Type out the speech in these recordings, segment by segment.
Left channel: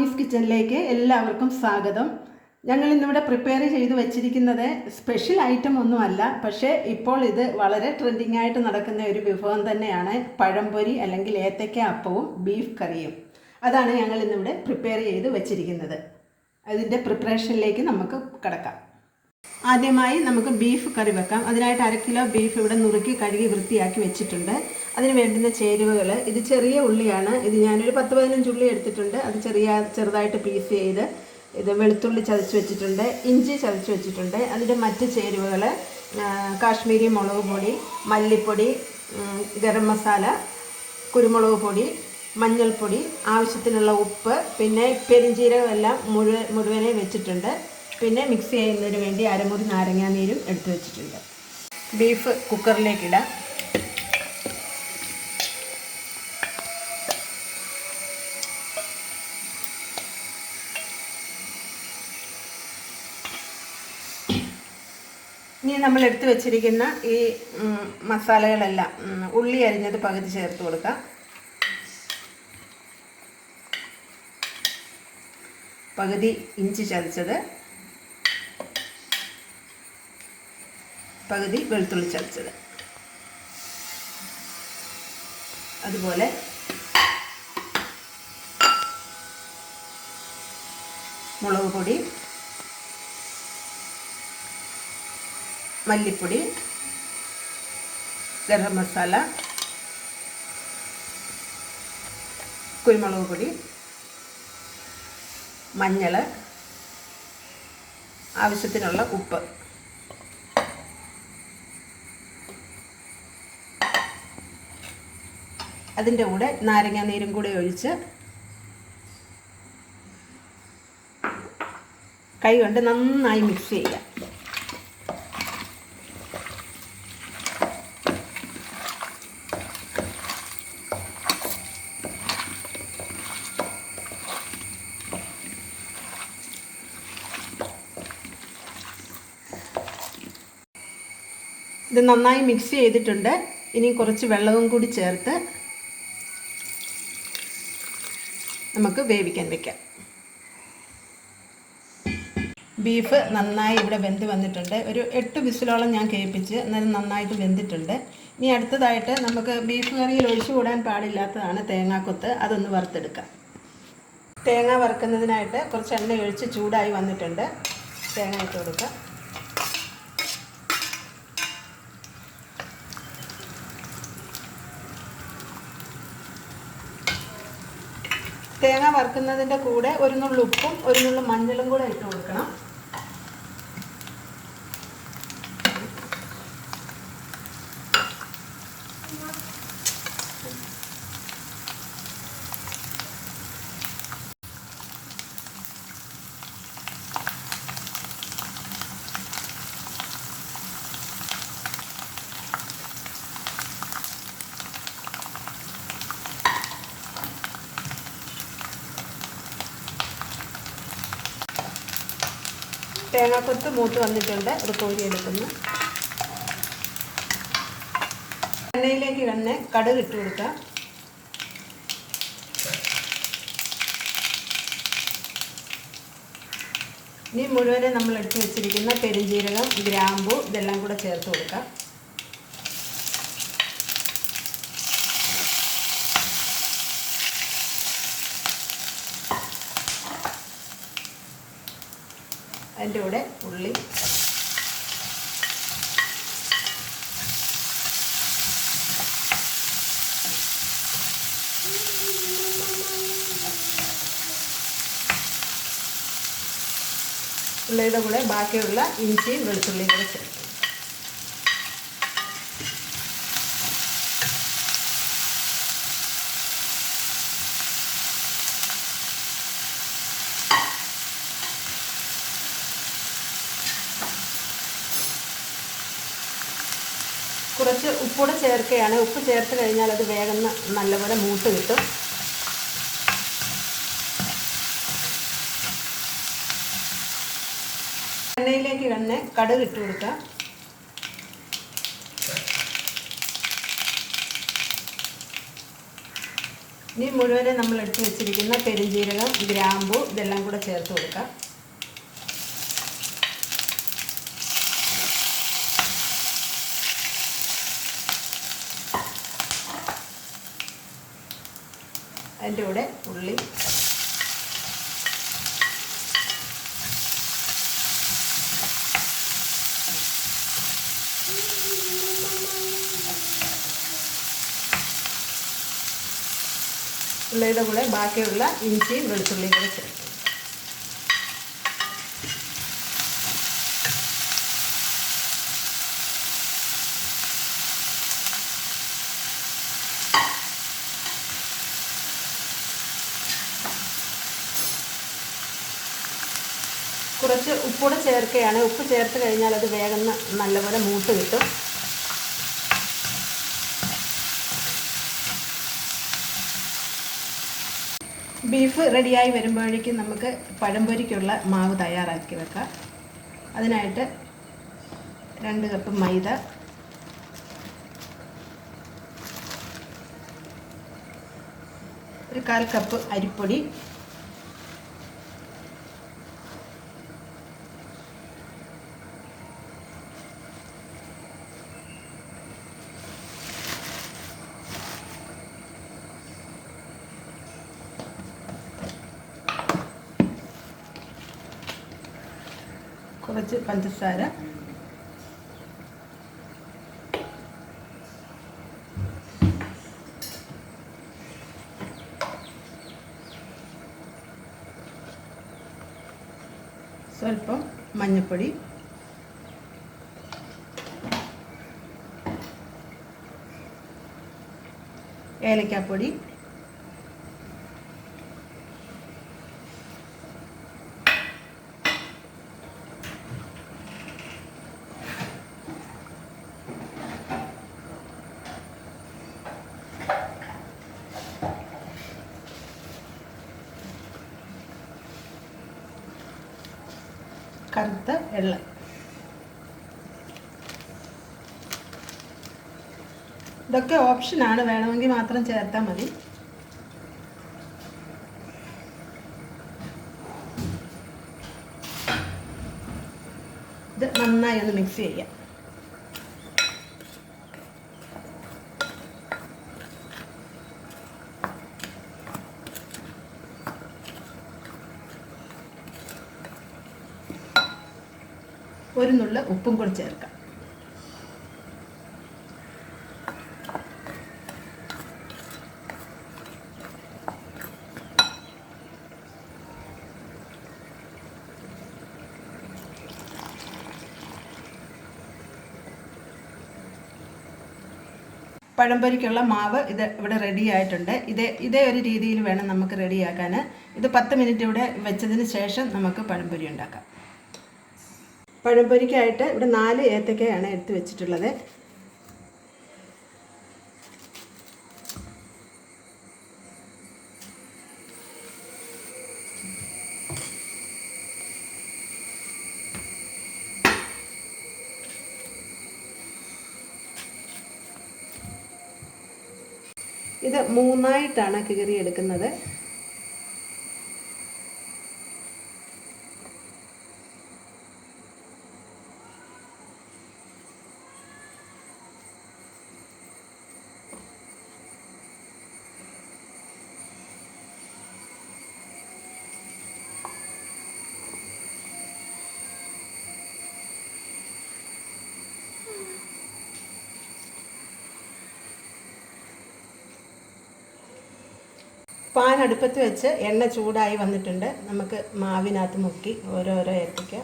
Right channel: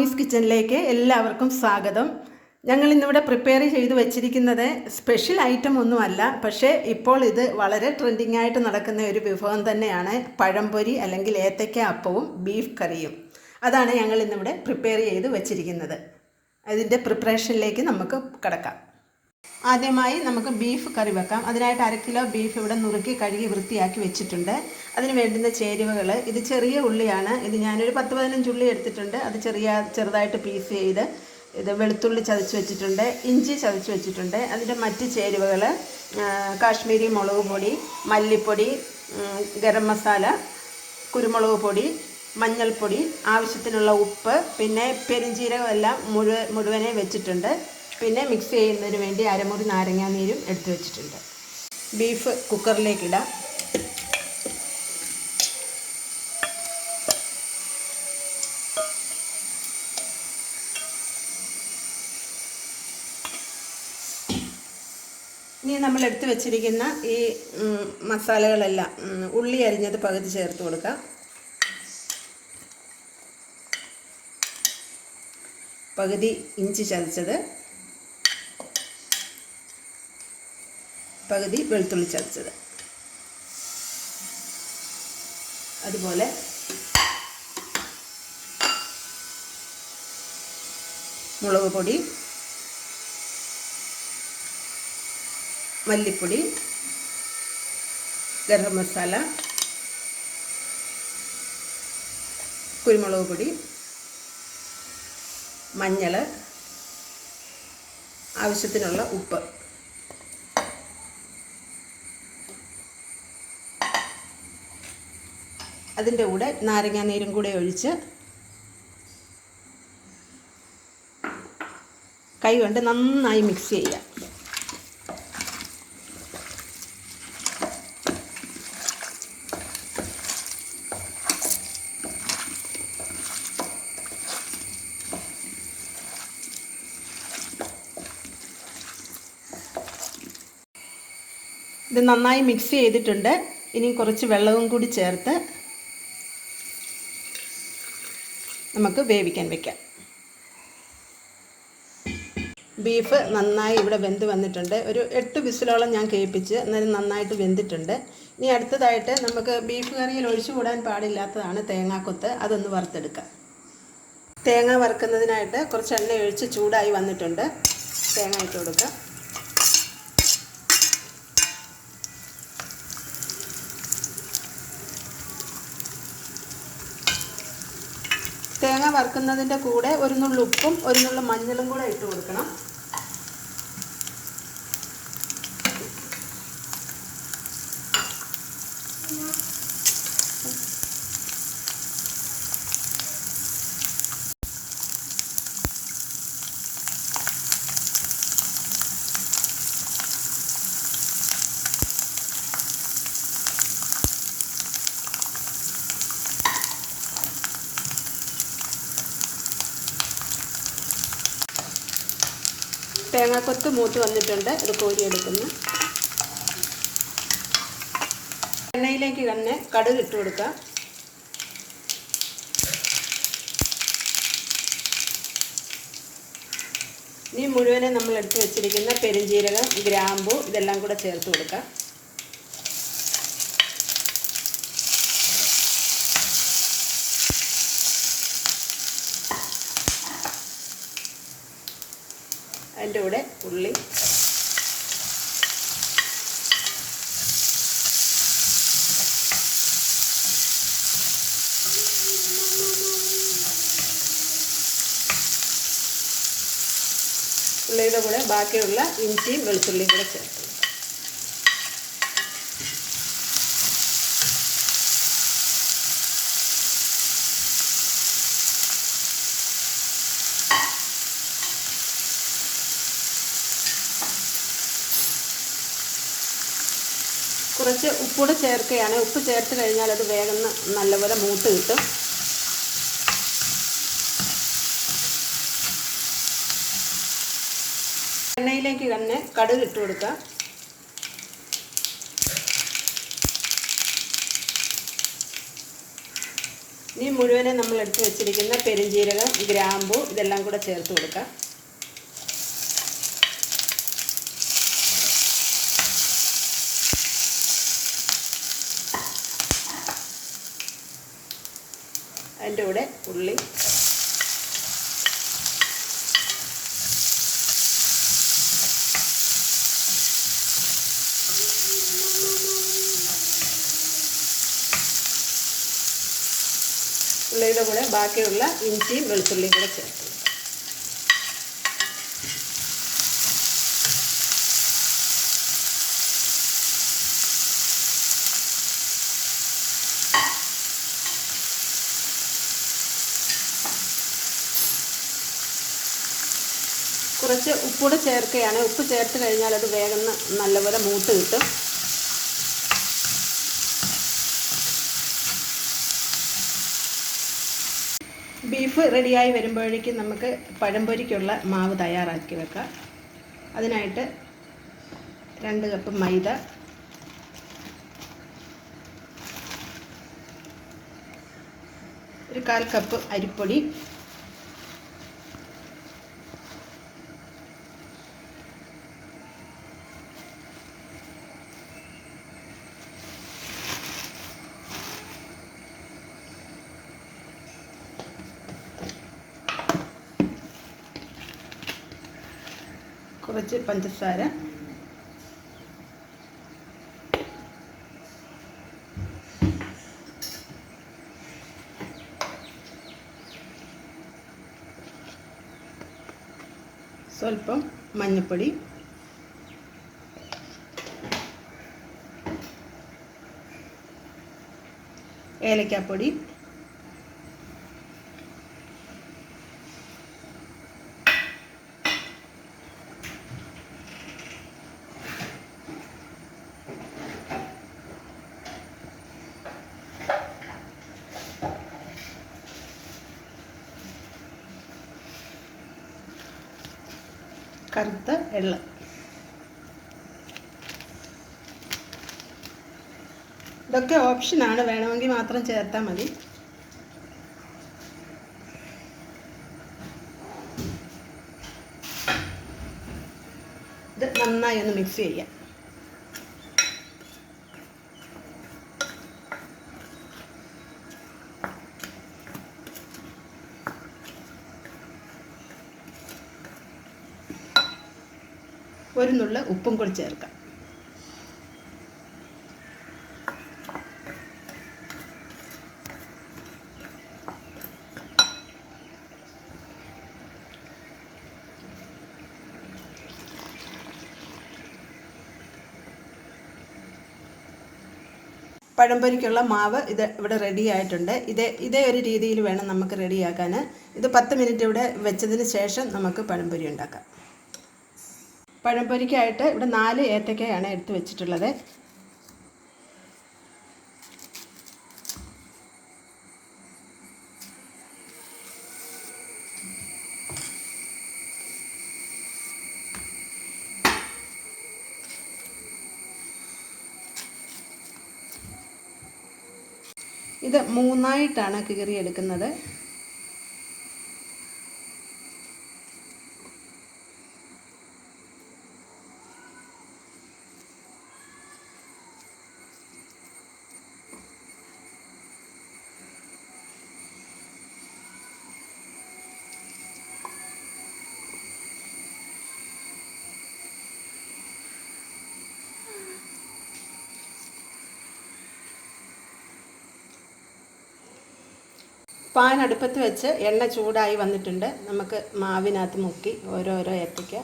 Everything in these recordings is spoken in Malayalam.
മാമീസ് കിച്ചണിലേക്ക് എല്ലാവർക്കും സ്വാഗതം. ഞങ്ങൾ ഇന്നിവിടെ പ്രിപ്പയർ ചെയ്ത് വെച്ചിരിക്കുന്നത് സ്പെഷ്യൽ ഐറ്റം ഒന്നുമല്ല പക്ഷേ ഇപ്പോൾ ഇത് വളരെ ട്രെൻഡിങ് ആയിട്ട് നടക്കുന്ന ഒരു വിഭവം തന്നെയാണ് പഴംപൊരി അല്ലെങ്കിൽ ഏത്തയ്ക്ക അപ്പവും ബീഫ് കറിയും അതാണ് ഞങ്ങൾ ഇന്നിവിടെ പ്രിപ്പയർ ചെയ്ത് വെച്ചിരിക്കുന്നത്. അതിന്റെ പ്രിപ്പറേഷനിലേക്ക് നമുക്ക് കിടക്കാം. ആദ്യമായി നമുക്ക് ബീഫ് കറി വെക്കാം. അതിനായിട്ട് അര കിലോ ബീഫ് ഇവിടെ നുറുക്കി കഴുകി വൃത്തിയാക്കി വെച്ചിട്ടുണ്ട്. അതിന് വേണ്ടുന്ന ചേരുവകൾ ഇത് ചെറിയ ഉള്ളിയാണ്. ഇത് ഞാനൊരു പത്ത് പതിനഞ്ച് ഉള്ളി എടുത്തിട്ടുണ്ട്. അത് ചെറിയ ചെറുതായിട്ട് പീസ് ചെയ്ത് ഇത് വെളുത്തുള്ളി ചതച്ച് വെച്ചിട്ടുണ്ട് ഇഞ്ചി ചതച്ച് വെച്ചിട്ടുണ്ട്. അതിന്റെ മറ്റ് ചേരുവകൾ കാശ്മീരി മുളക് പൊടി മല്ലിപ്പൊടി ഗരം മസാല കുരുമുളക് പൊടി മഞ്ഞൾപ്പൊടി ആവശ്യത്തിനുള്ള ഉപ്പ് പിന്നെ പെരിഞ്ജീരകം എല്ലാം മുഴുവൻ മുഴുവനെ വെച്ചിട്ടുണ്ട്. പിന്നെ മിക്സ് ചെയ്യുന്നതിന് വേണ്ടി അരമുറി നാരങ്ങാനീരും എടുത്തു വെച്ചിട്ടുണ്ട്. ബീഫ് കുക്കറിലേക്കിടാം ഇനി നമ്മൾ എടുത്തു വെച്ചിരിക്കുന്ന ഈ മസാലകളെല്ലാം ഉള്ളി അരിഞ്ഞത് പകുതി ചേർത്ത് കൊടുക്കാം. പകുതി ഇഞ്ചി ചതച്ചത്. പകുതി വെളുത്തുള്ളി ചതച്ചത്. അതുപോലെ മുളക് പൊടി മല്ലിപ്പൊടി ഗരം മസാല കുരുമുളക് പൊടി മഞ്ഞൾ ആവശ്യത്തിനുള്ള ഉപ്പ്. അതിന്റെ കൂടെ നാരങ്ങാ നീരും കൂടെ ഒഴിച്ച് കൈ കൊണ്ട് നന്നായി മിക്സ് ചെയ്യാം ഇത് നന്നായി മിക്സ് ചെയ്തിട്ടുണ്ട്. ഇനി കുറച്ച് വെള്ളവും കൂടി ചേർത്ത് നമുക്ക് വേവിക്കാൻ വെക്കാം. ബീഫ് നന്നായി ഇവിടെ വെന്ത് വന്നിട്ടുണ്ട്. ഒരു എട്ട് വിസിലോളം ഞാൻ കേൾപ്പിച്ച് അന്നേരം നന്നായിട്ട് വെന്തിട്ടുണ്ട്. ഇനി അടുത്തതായിട്ട് നമുക്ക് ബീഫ് കറിയിൽ ഒഴിച്ചു കൂടാൻ പാടില്ലാത്തതാണ് തേങ്ങാക്കൊത്ത്. അതൊന്ന് വറുത്തെടുക്കാം. തേങ്ങ വറുക്കുന്നതിനായിട്ട് കുറച്ച് എണ്ണ ഒഴിച്ച് ചൂടായി വന്നിട്ടുണ്ട്. തേങ്ങ ഇട്ട് കൊടുക്കാം തേങ്ങ വറുക്കുന്നതിന്റെ കൂടെ ഒരു നുള്ളു ഉപ്പും ഒരു നുള്ളു മഞ്ഞളും കൂടെ ഇട്ട് കൊടുക്കണം. തേങ്ങാക്കൊത്ത് മൂത്ത് വന്നിട്ടുണ്ട്. ഇത് കോരിയെടുക്കുന്നു എണ്ണയിലേക്ക് തന്നെ കടുക് ഇട്ട് കൊടുക്കാം. ഇനി മുഴുവനും നമ്മൾ എടുത്ത് വെച്ചിരിക്കുന്ന പെരുംജീരകം ഗ്രാമ്പു ഇതെല്ലാം കൂടെ ചേർത്ത് കൊടുക്കാം. അതിന്റെ കൂടെ ഉള്ളി ഉള്ളിയുടെ കൂടെ ബാക്കിയുള്ള ഇഞ്ചിയും വെളുത്തുള്ളിയും കൂടെ ചേർത്ത്. കുറച്ച് ഉപ്പൂടെ ചേർക്കുകയാണ്. ഉപ്പ് ചേർത്ത് കഴിഞ്ഞാൽ അത് വേഗം നല്ലപോലെ മൂട്ട് കിട്ടും. എണ്ണയിലേക്ക് തന്നെ കടുക് ഇട്ട് കൊടുക്കാം. ഇനി മുഴുവനെ നമ്മൾ എടുത്ത് വെച്ചിരിക്കുന്ന പെരുംജീരകം ഗ്രാമ്പു ഇതെല്ലാം കൂടെ ചേർത്ത് കൊടുക്കാം. അതിന്റെ കൂടെ ഉള്ളി. ഉള്ളിയുടെ കൂടെ ബാക്കിയുള്ള ഇഞ്ചിയും വെളുത്തുള്ളിയും കൂടെ ചേർത്ത്. ഉപ്പൂടെ ചേർക്കുകയാണ്. ഉപ്പ് ചേർത്ത് കഴിഞ്ഞാൽ അത് വേഗം നല്ലപോലെ മൂട്ട് കിട്ടും. ബീഫ് റെഡിയായി വരുമ്പോഴേക്കും നമുക്ക് പഴംപൊരിക്കുള്ള മാവ് തയ്യാറാക്കി വെക്കാം. അതിനായിട്ട് രണ്ട് കപ്പ് മൈദ. ഒരു കാൽ കപ്പ് അരിപ്പൊടി. കുറച്ച് പഞ്ചസാര. സ്വല്പം മഞ്ഞൾപ്പൊടി ഏലക്കാപ്പൊടി. കറുത്ത വെള്ളം. ഇതൊക്കെ ഓപ്ഷനാണ് വേണമെങ്കിൽ മാത്രം ചേർത്താൽ മതി. ഇത് നന്നായി ഒന്ന് മിക്സ് ചെയ്യാം. ഒരു നുള്ള ഉപ്പും കൂടി ചേർക്കാം. പഴംപൊരിക്കുള്ള മാവ് ഇത് ഇവിടെ റെഡി ആയിട്ടുണ്ട്. ഇതേ ഇതേ ഒരു രീതിയിൽ വേണം നമുക്ക് റെഡിയാക്കാൻ ഇത് പത്ത് മിനിറ്റ് ഇവിടെ വെച്ചതിന് ശേഷം നമുക്ക് പഴംപൊരി ഉണ്ടാക്കാം. പഴംപൊരിക്കായിട്ട് ഇവിടെ നാല് ഏത്തക്കയാണ് എടുത്ത് വെച്ചിട്ടുള്ളത്. ഇത് മൂന്നായിട്ടാണ് കീറി പാൻ അടുപ്പത്ത് വെച്ച് എണ്ണ ചൂടായി വന്നിട്ടുണ്ട്. നമുക്ക് മാവിനകത്ത് മുക്കി ഓരോരോ ഏത്തയ്ക്ക.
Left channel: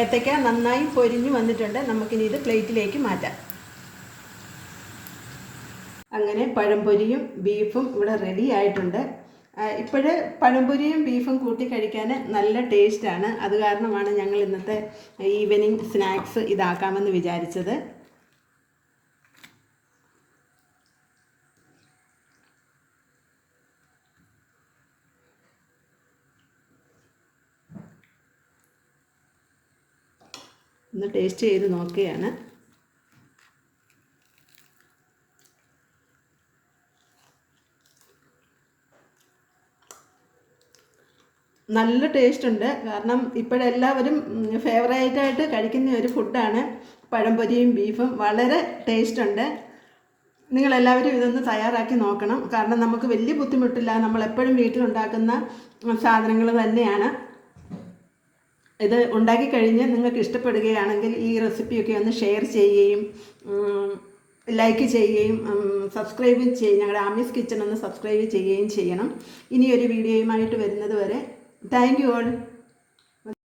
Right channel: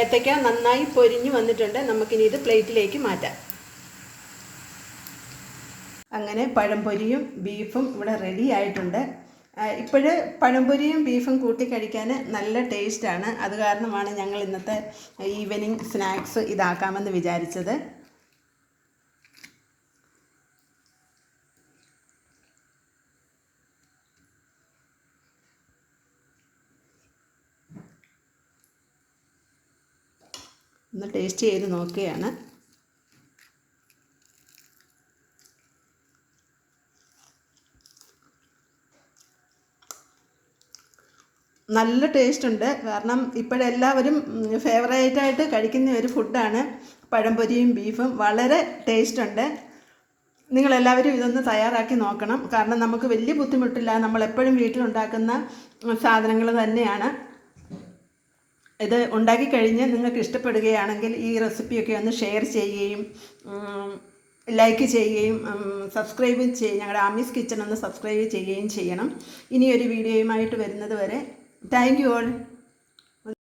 ഏത്തയ്ക്ക നന്നായി പൊരിഞ്ഞു വന്നിട്ടുണ്ട്. നമുക്കിനി ഇത് പ്ലേറ്റിലേക്ക് മാറ്റാം. അങ്ങനെ പഴംപൊരിയും ബീഫും ഇവിടെ റെഡി ആയിട്ടുണ്ട്. ഇപ്പോഴ് പഴംപൊരിയും ബീഫും കൂട്ടി കഴിക്കാൻ നല്ല ടേസ്റ്റാണ് അത് കാരണമാണ് ഞങ്ങൾ ഇന്നത്തെ ഈവനിങ് സ്നാക്സ് ഇതാക്കാമെന്ന് വിചാരിച്ചത്. ഒന്ന് ടേസ്റ്റ് ചെയ്ത് നോക്കുകയാണ് നല്ല ടേസ്റ്റ് ഉണ്ട്. കാരണം ഇപ്പോഴെല്ലാവരും ഫേവറേറ്റായിട്ട് കഴിക്കുന്ന ഒരു ഫുഡാണ് പഴംപൊരിയും ബീഫും വളരെ ടേസ്റ്റ് ഉണ്ട്. നിങ്ങളെല്ലാവരും ഇതൊന്ന് തയ്യാറാക്കി നോക്കണം. കാരണം നമുക്ക് വലിയ ബുദ്ധിമുട്ടില്ല. നമ്മളെപ്പോഴും വീട്ടിലുണ്ടാക്കുന്ന സാധനങ്ങൾ തന്നെയാണ്. ഇത് ഉണ്ടാക്കി കഴിഞ്ഞ് നിങ്ങൾക്ക് ഇഷ്ടപ്പെടുകയാണെങ്കിൽ ഈ റെസിപ്പിയൊക്കെ ഒന്ന് ഷെയർ ചെയ്യുകയും ലൈക്ക് ചെയ്യുകയും സബ്സ്ക്രൈബ് ചെയ്യും ഞങ്ങളുടെ ആമീസ് കിച്ചൺ ഒന്ന് സബ്സ്ക്രൈബ് ചെയ്യുകയും ചെയ്യണം. ഇനിയൊരു വീഡിയോയുമായിട്ട് വരുന്നത് വരെ. Thank you all.